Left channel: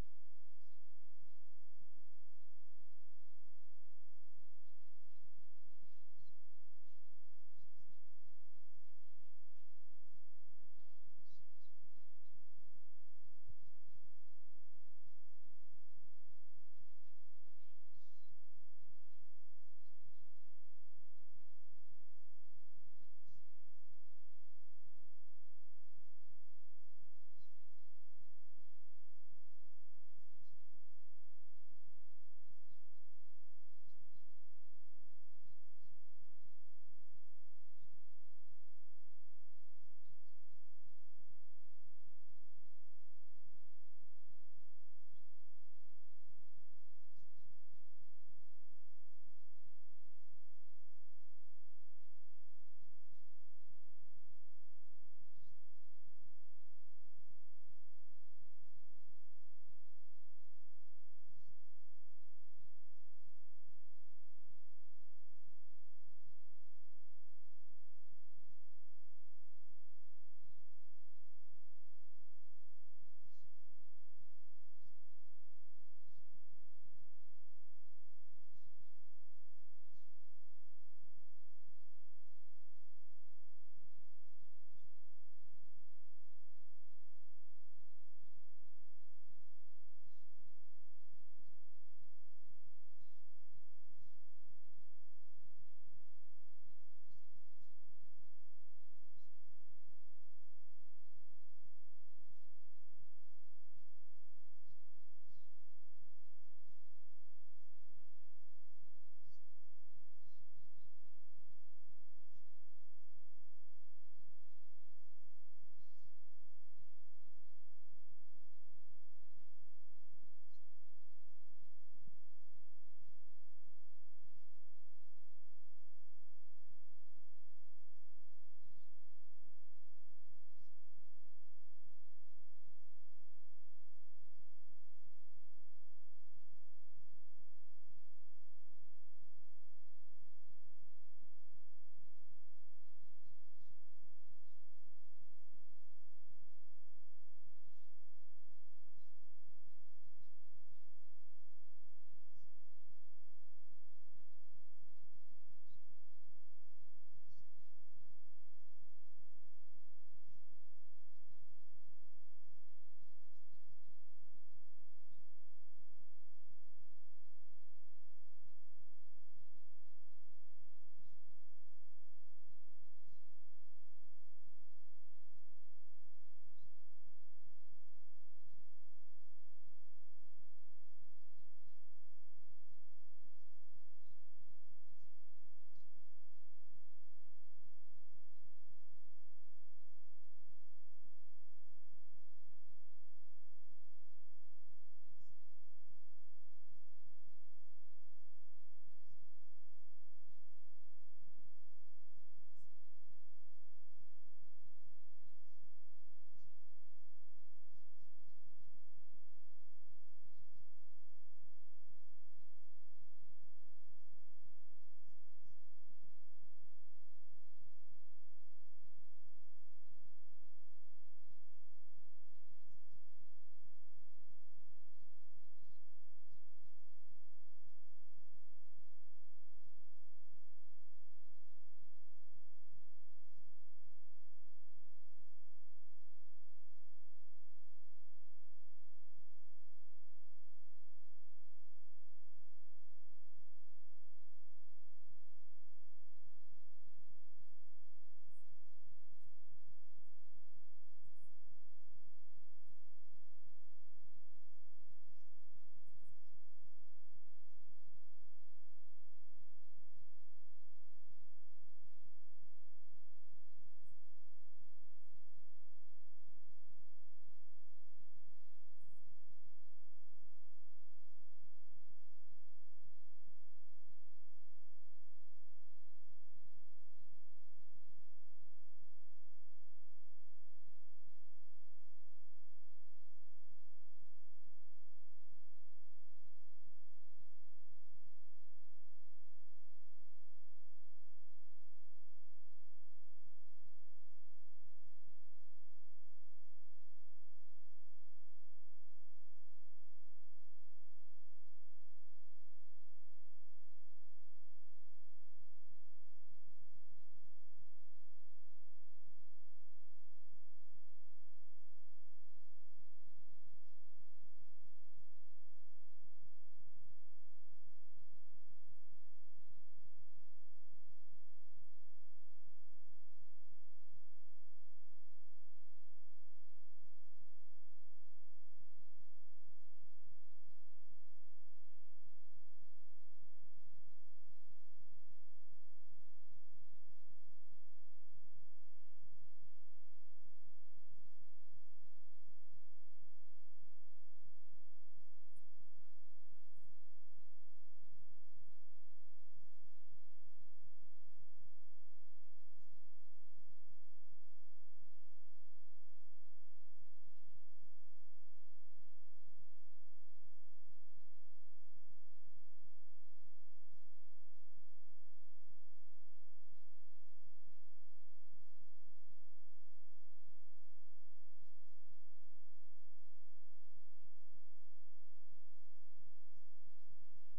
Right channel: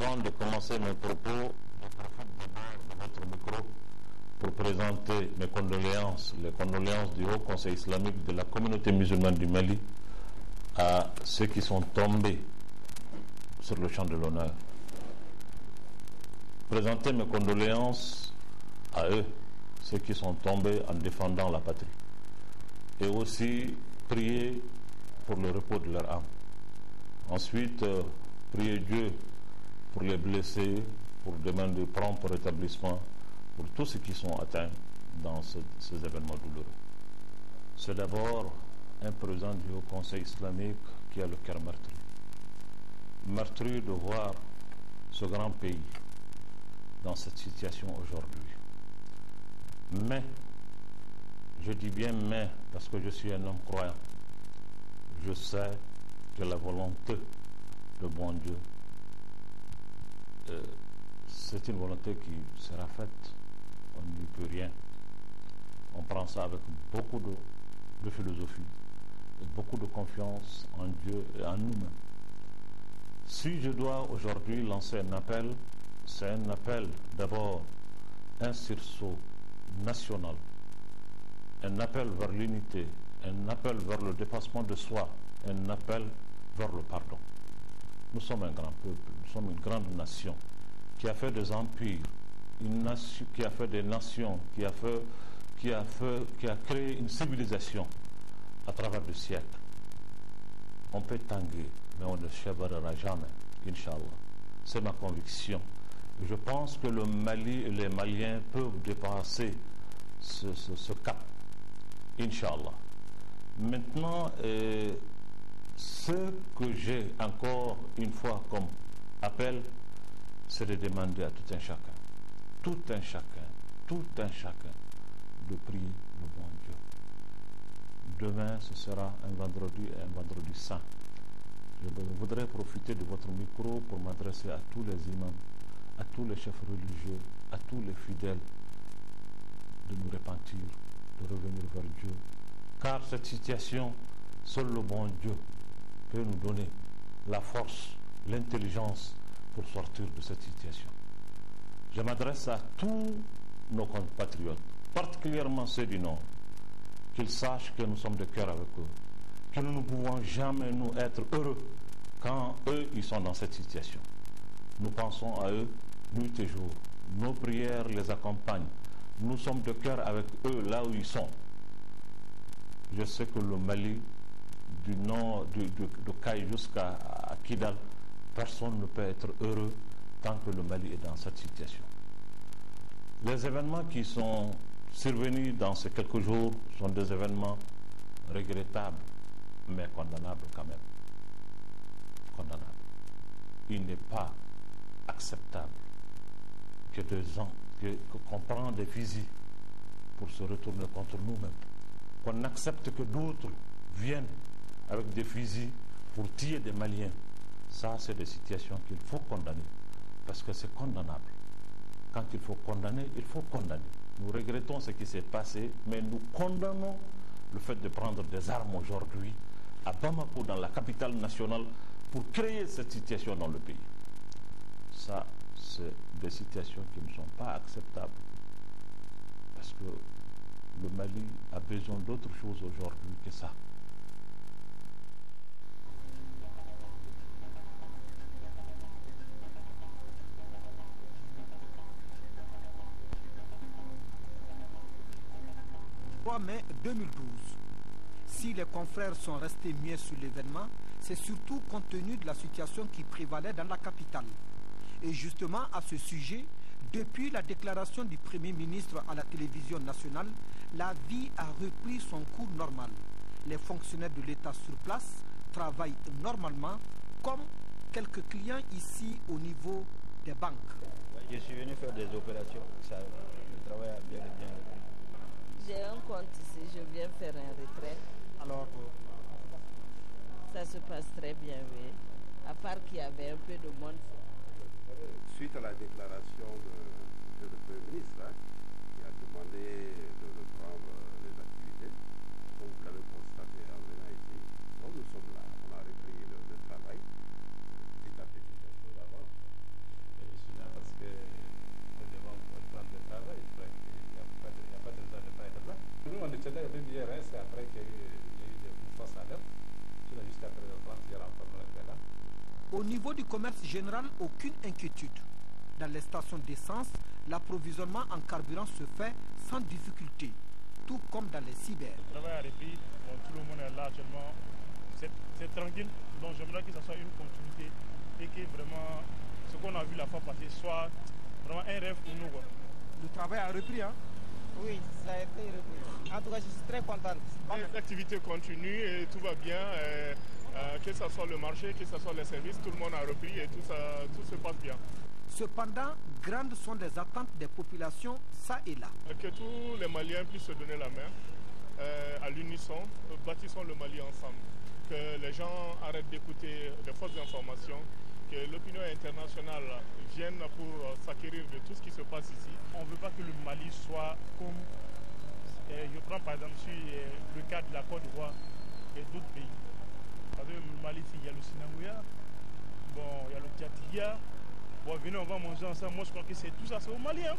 Avant de commencer mes propos, je profite d'abord de votre micro pour présenter mes condoléances, les condoléances du Haut Conseil islamique de la communauté musulmane du Mali à ceux qui sont tombés sur le champ de l'honneur. Présenter mes condoléances à eux, ceux qui sont tombés en défendant la patrie. Et aussi prier pour le repos de leur âme. Ensuite, prier Dieu pour les blessés, pour demander prompt rétablissement pour tous ceux qui sont atteints dans ces événements douloureux. C'est d'abord un président du Haut Conseil islamique qui a le cœur meurtri. Meurtri de voir ce grand pays dans cette situation aujourd'hui. Mais, je dis bien mais, parce que je suis un homme croyant, je sais que la volonté de bon Dieu, c'est une volonté qui sera faite, on n'y peut rien. On prend ça avec beaucoup de philosophie et beaucoup de confiance en Dieu et en nous-mêmes. Si je dois aujourd'hui lancer un appel, c'est un appel d'abord, un sursaut national, un appel vers l'unité, un appel vers le dépassement de soi, un appel vers le pardon. Nous sommes un grand peuple, nous sommes une grande nation qui a fait des empires, une nation, qui a fait des nations, qui a créé une civilisation à travers des siècles. On peut tanguer, mais on ne chèvrera jamais, Inch'Allah. C'est ma conviction. Je pense que le Mali et les Maliens peuvent dépasser ce cap, Inch'Allah. Maintenant, ce que j'ai encore une fois comme appel, c'est de demander à tout un chacun, de prier le bon Dieu. Demain, ce sera un vendredi saint. Je voudrais profiter de votre micro pour m'adresser à tous les imams, à tous les chefs religieux, à tous les fidèles, de nous repentir, de revenir vers Dieu. Car cette situation, seul le bon Dieu peut nous donner la force, l'intelligence pour sortir de cette situation. Je m'adresse à tous nos compatriotes, particulièrement ceux du Nord, qu'ils sachent que nous sommes de cœur avec eux, que nous ne pouvons jamais nous être heureux quand eux, ils sont dans cette situation. Nous pensons à eux nuit et jour. Nos prières les accompagnent. Nous sommes de cœur avec eux là où ils sont. Je sais que le Mali, du nord de Caille jusqu'à Kidal, personne ne peut être heureux tant que le Mali est dans cette situation. Les événements qui sont survenus dans ces quelques jours sont des événements regrettables, mais condamnables quand même. Condamnables. Il n'est pas acceptable que qu'on prenne des fusils pour se retourner contre nous-mêmes. Qu'on accepte que d'autres viennent avec des fusils pour tuer des Maliens. Ça, c'est des situations qu'il faut condamner, parce que c'est condamnable. Quand il faut condamner, il faut condamner. Nous regrettons ce qui s'est passé, mais nous condamnons le fait de prendre des armes aujourd'hui à Bamako, dans la capitale nationale, pour créer cette situation dans le pays. Ça, c'est des situations qui ne sont pas acceptables, parce que le Mali a besoin d'autre chose aujourd'hui que ça. Mai 2012. Si les confrères sont restés muets sur l'événement, c'est surtout compte tenu de la situation qui prévalait dans la capitale. Et justement, à ce sujet, depuis la déclaration du Premier ministre à la télévision nationale, la vie a repris son cours normal. Les fonctionnaires de l'État sur place travaillent normalement, comme quelques clients ici au niveau des banques. Je suis venu faire des opérations, le travail a bien et bien repris. J'ai un compte ici, je viens faire un retrait. Alors, ça se passe très bien, oui. À part qu'il y avait un peu de monde. Suite à la déclaration de le Premier ministre, qui a demandé de reprendre les activités, comme vous l'avez constaté en venant ici, donc nous sommes là, on a repris le travail, petit à petit, les choses avancent. commerce général, aucune inquiétude. Dans les stations d'essence, l'approvisionnement en carburant se fait sans difficulté, tout comme dans les cyber. Le travail a repris, bon, tout le monde est là actuellement, c'est tranquille, donc j'aimerais que ce soit une continuité et que vraiment ce qu'on a vu la fois passée soit vraiment un rêve pour nous, quoi. Le travail a repris, hein? Oui, ça a été repris. En tout cas, je suis très contente. L'activité continue et tout va bien. Que ce soit le marché, que ce soit les services, tout le monde a repris et tout se passe bien. Cependant, grandes sont les attentes des populations, ça et là. Que tous les Maliens puissent se donner la main à l'unisson, bâtissons le Mali ensemble. Que les gens arrêtent d'écouter des fausses informations, que l'opinion internationale vienne pour s'acquérir de tout ce qui se passe ici. On ne veut pas que le Mali soit comme, je prends par exemple sur le cas de la Côte d'Ivoire et d'autres pays. Parce que le Mali, il y a le Sinangouya, bon, il y a le Tchadiya. Bon, venez, on va manger ensemble. Moi, je crois que c'est tout ça, c'est au Mali. Hein.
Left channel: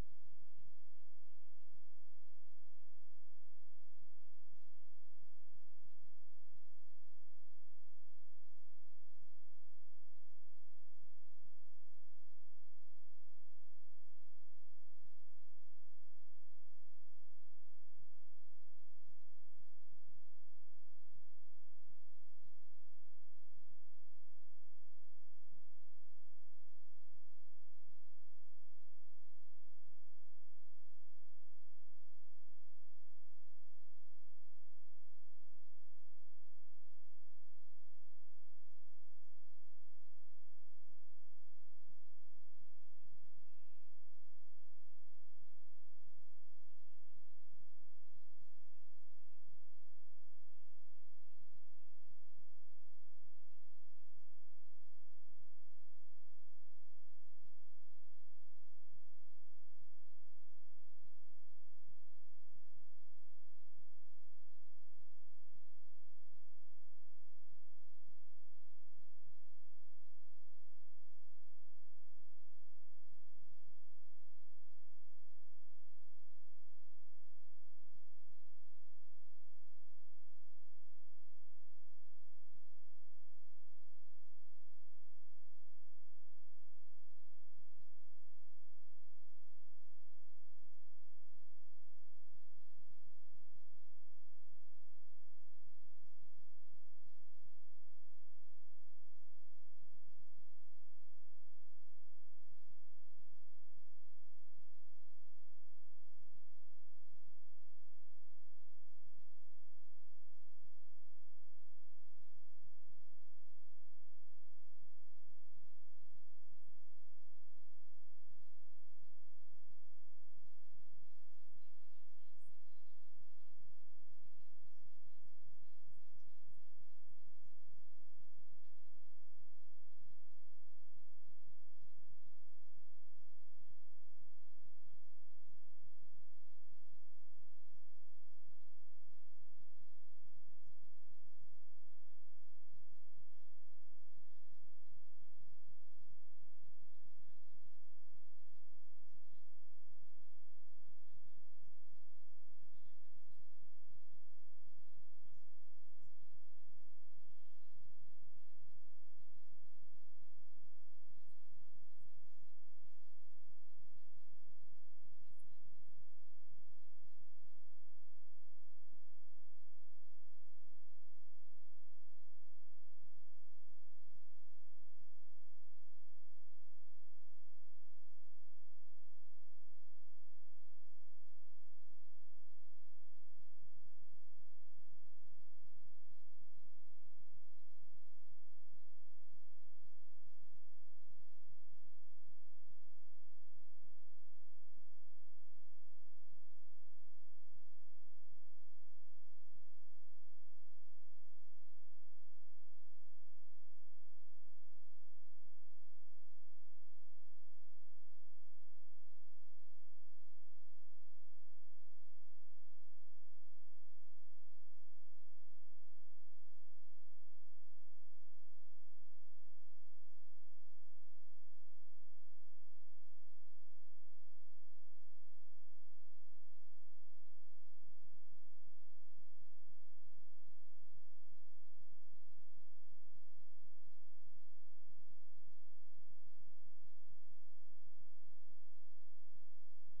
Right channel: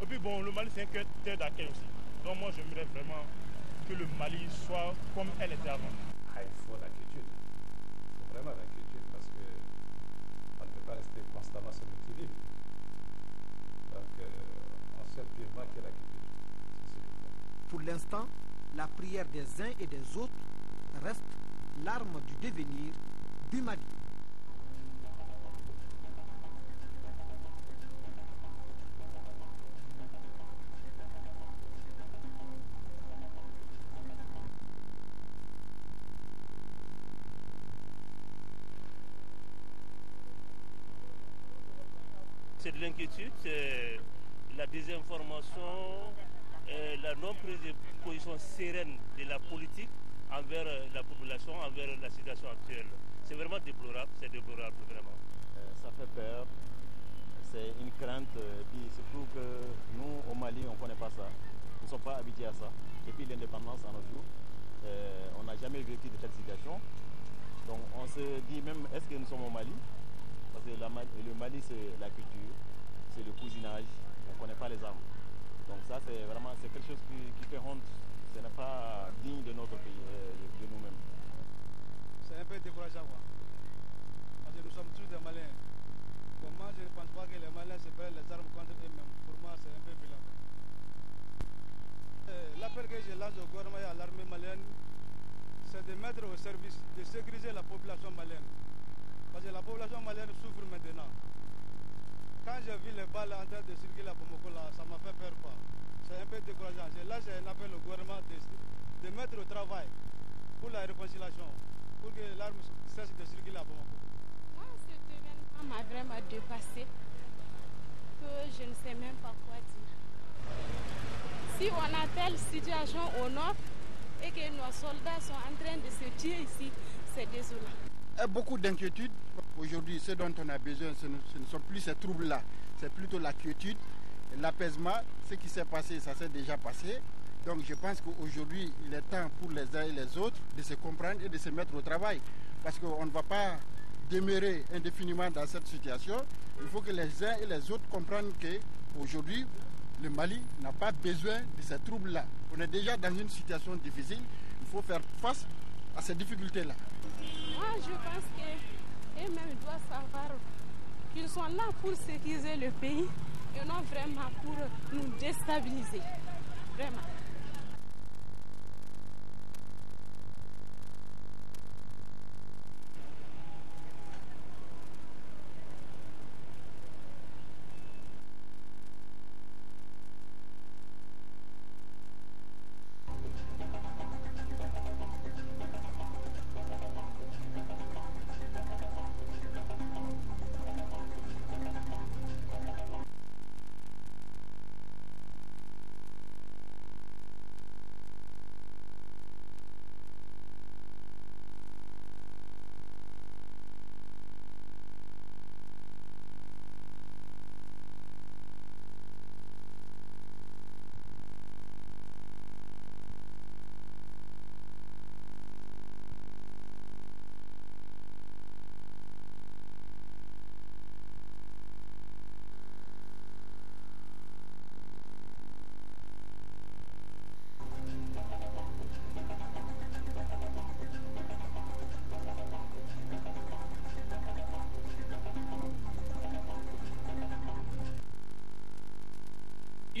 Et puis, bon, le Mali, c'est un terre d'accueil aussi. Donc, moi, j'aimerais vraiment que le Mali soit comme elle était avant. Ah, il faut la quiétude. Il faut vraiment la quiétude parce qu'on ne peut pas rester constamment sur le qui-vive. Donc, on sait purement qu'il y a la quiétude. C'est ce qu'il faut. Pour l'instant, la prière des uns et des autres reste l'arme du devenir du Mali. C'est de l'inquiétude, c'est la désinformation, la non-prise de position sereine de la politique envers la population, envers la situation actuelle. C'est vraiment déplorable, vraiment. Ça fait peur, c'est une crainte, et puis surtout que nous au Mali on ne connaît pas ça, nous ne sommes pas habitués à ça. Depuis l'indépendance à nos jours, on n'a jamais vécu de cette situation. Donc on se dit même, est-ce que nous sommes au Mali? Parce que le Mali c'est la culture, c'est le cousinage, on ne connaît pas les armes. Donc ça c'est vraiment quelque chose qui fait honte, ce n'est pas digne de notre pays, de nous-mêmes. C'est un peu décourageant, quoi. Parce que nous sommes tous des Maliens. Pour moi, je ne pense pas que les Maliens se prennent les armes contre eux-mêmes. Pour moi, c'est un peu violent. L'appel que je lance au gouvernement et à l'armée malienne, c'est de mettre au service, de sécuriser la population malienne. Parce que la population malienne souffre maintenant. Quand j'ai vu les balles en train de circuler à Bamako, là, ça m'a fait peur, quoi. C'est un peu décourageant. Là, j'ai un appel au gouvernement de mettre au travail pour la réconciliation, pour que l'arme cesse de circuler à Bamako. Moi, cet événement m'a vraiment dépassé, que je ne sais même pas quoi dire. Si on a telle situation au nord et que nos soldats sont en train de se tuer ici, c'est désolant. Beaucoup d'inquiétudes. Aujourd'hui, ce dont on a besoin, ce ne sont plus ces troubles-là. C'est plutôt la quiétude, l'apaisement. Ce qui s'est passé, ça s'est déjà passé. Donc je pense qu'aujourd'hui, il est temps pour les uns et les autres de se comprendre et de se mettre au travail. Parce qu'on ne va pas demeurer indéfiniment dans cette situation. Il faut que les uns et les autres comprennent qu'aujourd'hui, le Mali n'a pas besoin de ces troubles-là. On est déjà dans une situation difficile. Il faut faire face à ces difficultés-là. Moi, je pense qu'eux-mêmes doivent savoir qu'ils sont là pour sécuriser le pays et non vraiment pour nous déstabiliser. Vraiment.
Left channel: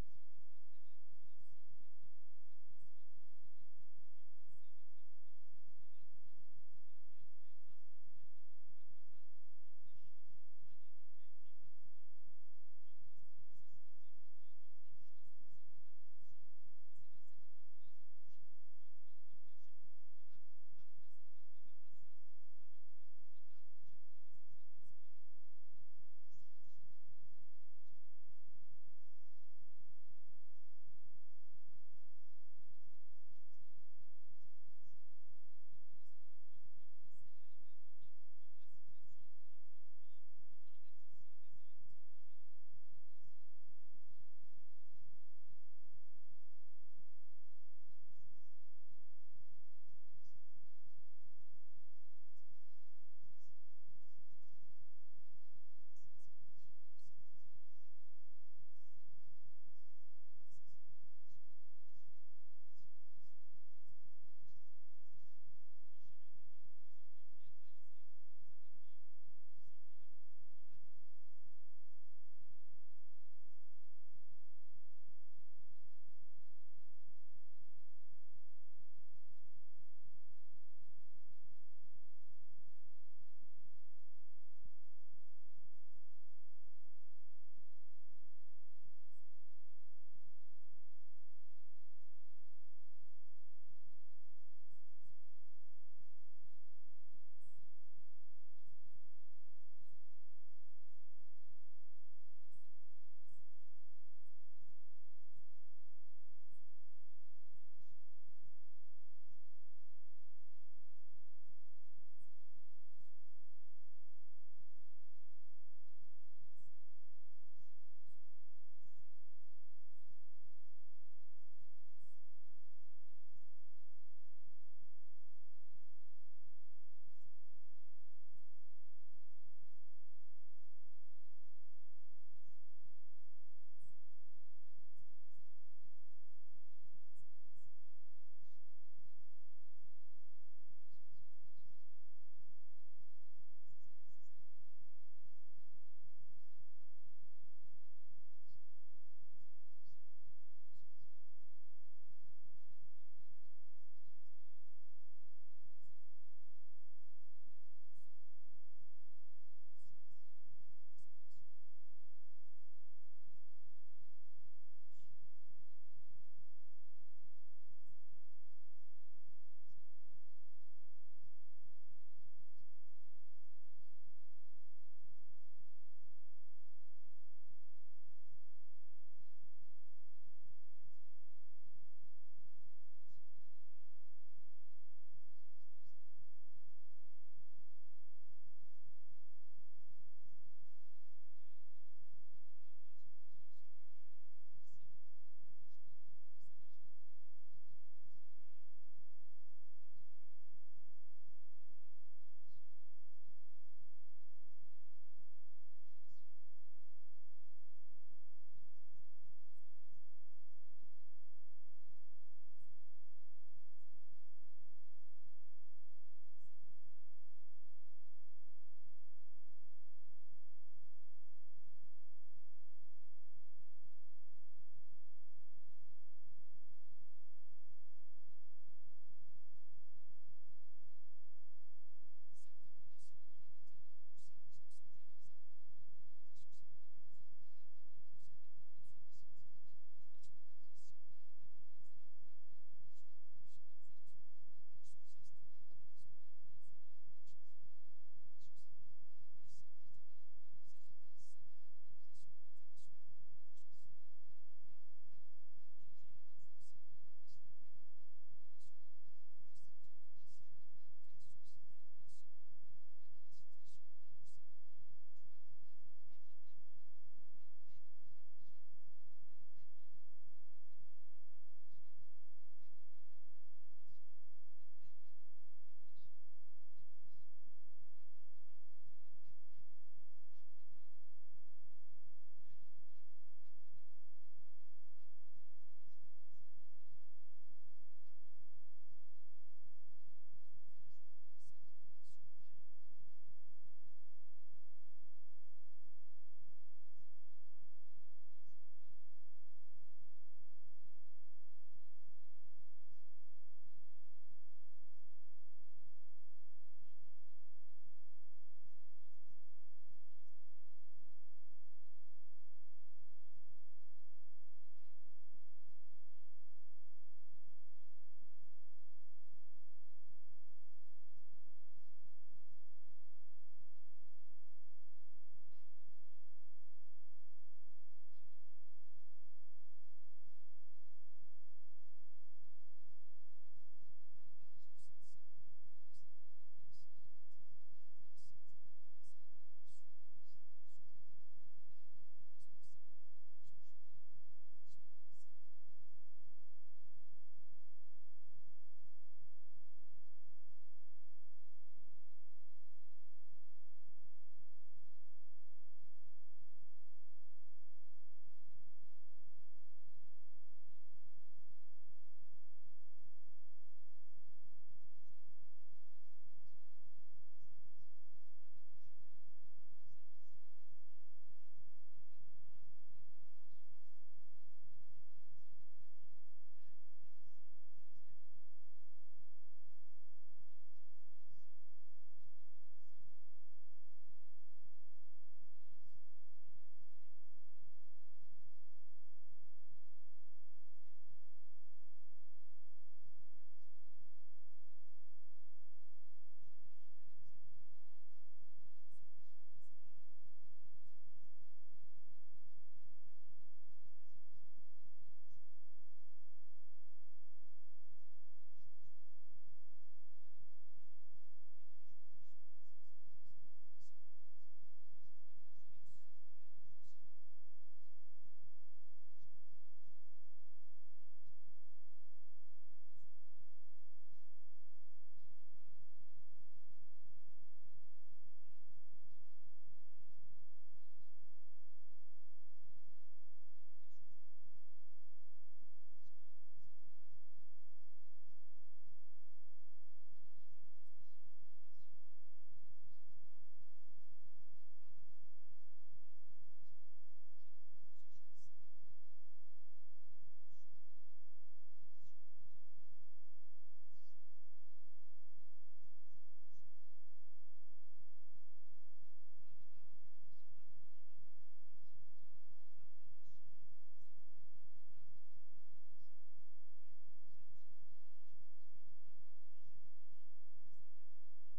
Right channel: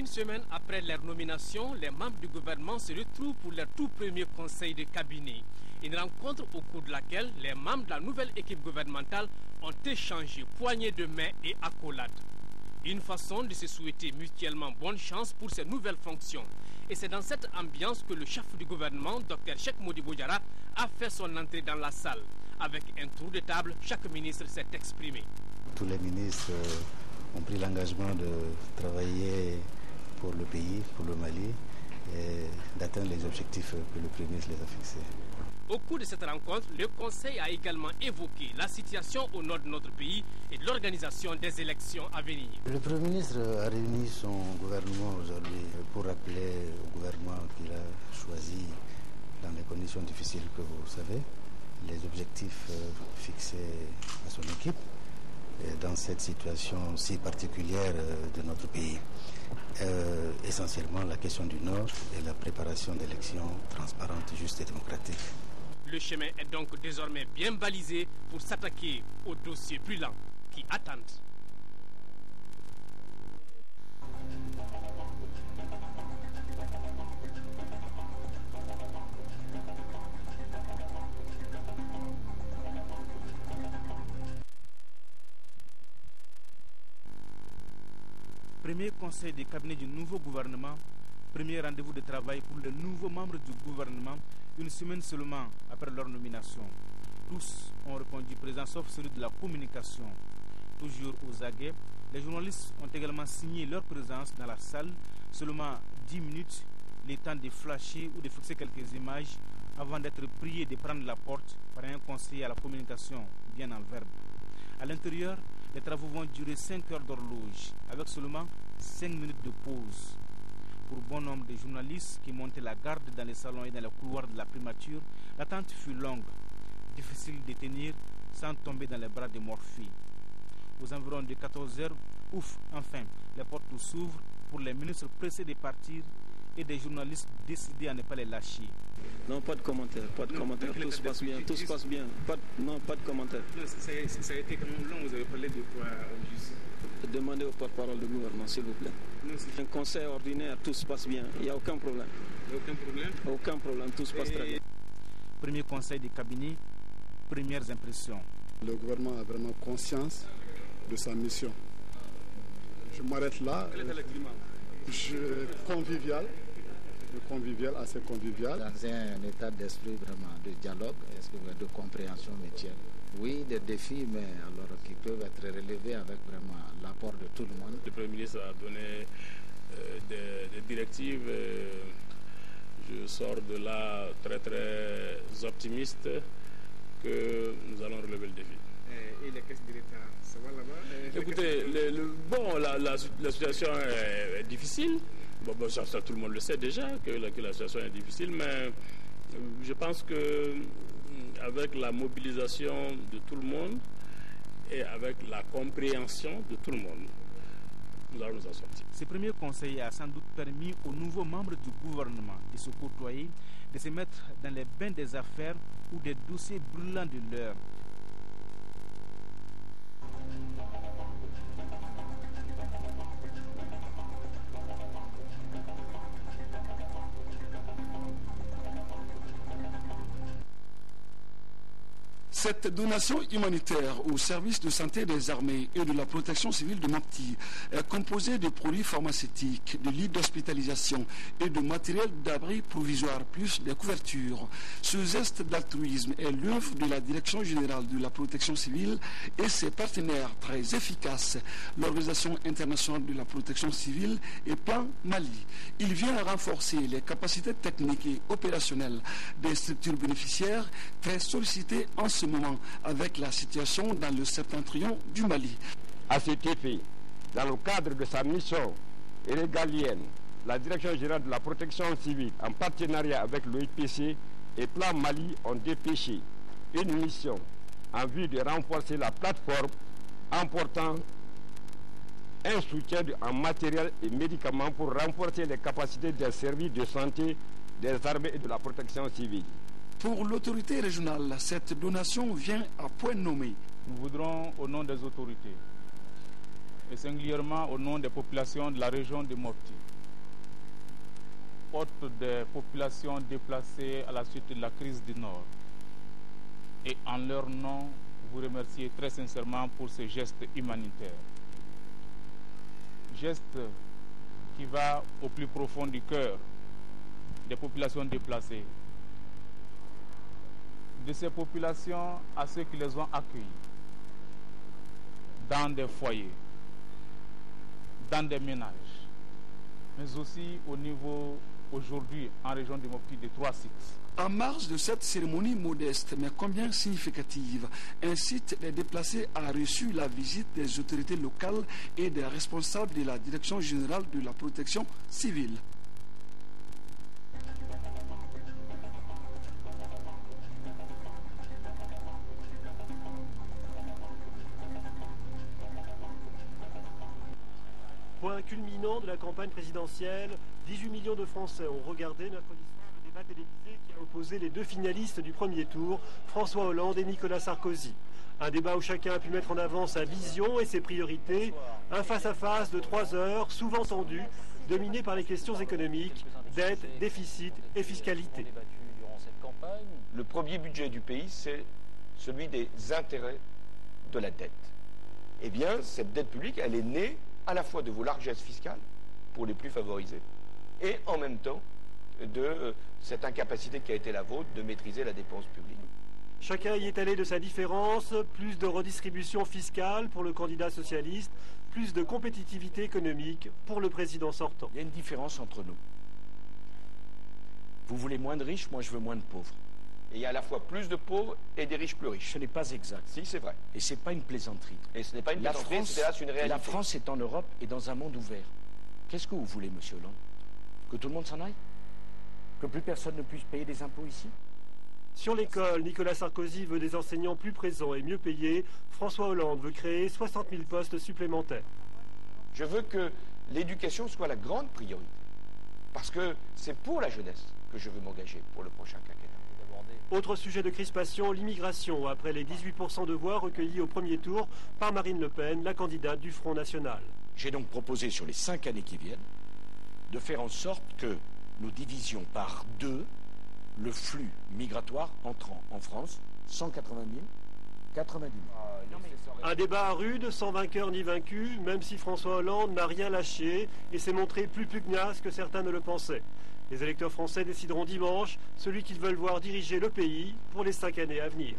Une semaine après leur nomination, les membres du gouvernement se retrouvent pour leur tout premier conseil de cabinet. Une rencontre au cours de laquelle les membres de la nouvelle équipe gouvernementale ont échangé poignées de main et accolades. Une façon de se souhaiter mutuellement bonne chance pour ces nouvelles fonctions. Et c'est dans cette ambiance que le chef du gouvernement, Dr Cheikh Modibo Diarra, a fait son entrée dans la salle. Avec un tour de table, chaque ministre s'est exprimé. Tous les ministres ont pris l'engagement de travailler pour le pays, pour le Mali, et d'atteindre les objectifs que le Premier ministre les a fixés. Au cours de cette rencontre, le Conseil a également évoqué la situation au nord de notre pays et l'organisation des élections à venir. Le Premier ministre a réuni son gouvernement aujourd'hui pour rappeler au gouvernement qu'il a choisi, dans les conditions difficiles que vous savez, les objectifs fixés à son équipe dans cette situation si particulière de notre pays. Essentiellement la question du Nord et la préparation d'élections transparentes, justes et démocratiques. Le chemin est donc désormais bien balisé pour s'attaquer aux dossiers brûlants qui attendent. Premier conseil des cabinets du nouveau gouvernement, premier rendez-vous de travail pour les nouveaux membres du gouvernement, une semaine seulement après leur nomination. Tous ont répondu présents sauf celui de la communication. Toujours aux aguets, les journalistes ont également signé leur présence dans la salle, seulement 10 minutes, le temps de flasher ou de fixer quelques images avant d'être priés de prendre la porte par un conseiller à la communication bien en verbe. À l'intérieur, les travaux vont durer 5 heures d'horloge, avec seulement 5 minutes de pause. Pour bon nombre de journalistes qui montaient la garde dans les salons et dans les couloirs de la primature, l'attente fut longue, difficile de tenir sans tomber dans les bras de Morphy. Aux environs de 14 heures, enfin, les portes s'ouvrent pour les ministres pressés de partir et des journalistes décidés à ne pas les lâcher. Non, pas de commentaire, tout se passe bien, tout se passe bien. Pas de commentaire. Ça a été quand même long, vous avez parlé de quoi juste? Demandez au porte-parole du gouvernement, s'il vous plaît. Un conseil ordinaire, tout se passe bien, il n'y a aucun problème. Aucun problème? Aucun problème, tout se passe très bien. Premier conseil de cabinet, premières impressions. Le gouvernement a vraiment conscience de sa mission. Je m'arrête là. Quel était le climat? Convivial, assez convivial. Dans un état d'esprit vraiment de dialogue, de compréhension mutuelle. Oui, des défis, mais alors qui peuvent être relevés avec vraiment l'apport de tout le monde. Le Premier ministre a donné des directives. Je sors de là très très optimiste que nous allons relever le défi. Et les caisses de l'État, ça va là-bas? Écoutez, la situation est difficile. Bon, ça, tout le monde le sait déjà que la situation est difficile, mais je pense que avec la mobilisation de tout le monde et avec la compréhension de tout le monde, nous allons nous en sortir. Ce premier conseil a sans doute permis aux nouveaux membres du gouvernement de se côtoyer, de se mettre dans les bains des affaires ou des dossiers brûlants de l'heure. Cette donation humanitaire au service de santé des armées et de la protection civile de Mopti est composée de produits pharmaceutiques, de lits d'hospitalisation et de matériel d'abri provisoire, plus des couvertures. Ce geste d'altruisme est l'œuvre de la Direction générale de la protection civile et ses partenaires très efficaces, l'Organisation internationale de la protection civile et Plan Mali. Il vient renforcer les capacités techniques et opérationnelles des structures bénéficiaires très sollicitées en ce moment avec la situation dans le septentrion du Mali. À cet effet, dans le cadre de sa mission régalienne, la Direction générale de la protection civile, en partenariat avec l'OIPC et Plan Mali, ont dépêché une mission en vue de renforcer la plateforme en portant un soutien en matériel et médicaments pour renforcer les capacités des services de santé des armées et de la protection civile. Pour l'autorité régionale, cette donation vient à point nommé. Nous voudrons, au nom des autorités, et singulièrement au nom des populations de la région de Mopti, hôtes des populations déplacées à la suite de la crise du Nord. Et en leur nom, vous remercier très sincèrement pour ce geste humanitaire. Geste qui va au plus profond du cœur des populations déplacées, de ces populations à ceux qui les ont accueillis dans des foyers, dans des ménages, mais aussi au niveau aujourd'hui en région de Mopti de 3 sites. En marge de cette cérémonie modeste mais combien significative, un site des déplacés a reçu la visite des autorités locales et des responsables de la Direction générale de la protection civile. Point culminant de la campagne présidentielle, 18 millions de Français ont regardé mercredi soir le débat télévisé qui a opposé les 2 finalistes du premier tour, François Hollande et Nicolas Sarkozy. Un débat où chacun a pu mettre en avant sa vision et ses priorités, un face-à-face de 3 heures, souvent tendu, dominé par les questions économiques, dette, déficit et fiscalité. Le premier budget du pays, c'est celui des intérêts de la dette. Eh bien, cette dette publique, elle est née à la fois de vos largesses fiscales pour les plus favorisés et en même temps de cette incapacité qui a été la vôtre de maîtriser la dépense publique. Chacun y est allé de sa différence, plus de redistribution fiscale pour le candidat socialiste, plus de compétitivité économique pour le président sortant. Il y a une différence entre nous. Vous voulez moins de riches, moi je veux moins de pauvres. Et il y a à la fois plus de pauvres et des riches plus riches. Ce n'est pas exact. Si, c'est vrai. Et ce n'est pas une plaisanterie. Et ce n'est pas une plaisanterie, c'est hélas une réalité. La France est en Europe et dans un monde ouvert. Qu'est-ce que vous voulez, monsieur Hollande? Que tout le monde s'en aille? Que plus personne ne puisse payer des impôts ici? Sur l'école, Nicolas Sarkozy veut des enseignants plus présents et mieux payés. François Hollande veut créer 60 000 postes supplémentaires. Je veux que l'éducation soit la grande priorité. Parce que c'est pour la jeunesse que je veux m'engager pour le prochain quinquennat. Autre sujet de crispation, l'immigration, après les 18% de voix recueillies au premier tour par Marine Le Pen, la candidate du Front National. J'ai donc proposé sur les 5 années qui viennent de faire en sorte que nous divisions par 2 le flux migratoire entrant en France, 180 000, 90 000. Un débat rude, sans vainqueur ni vaincu, même si François Hollande n'a rien lâché et s'est montré plus pugnace que certains ne le pensaient. Les électeurs français décideront dimanche celui qu'ils veulent voir diriger le pays pour les 5 années à venir.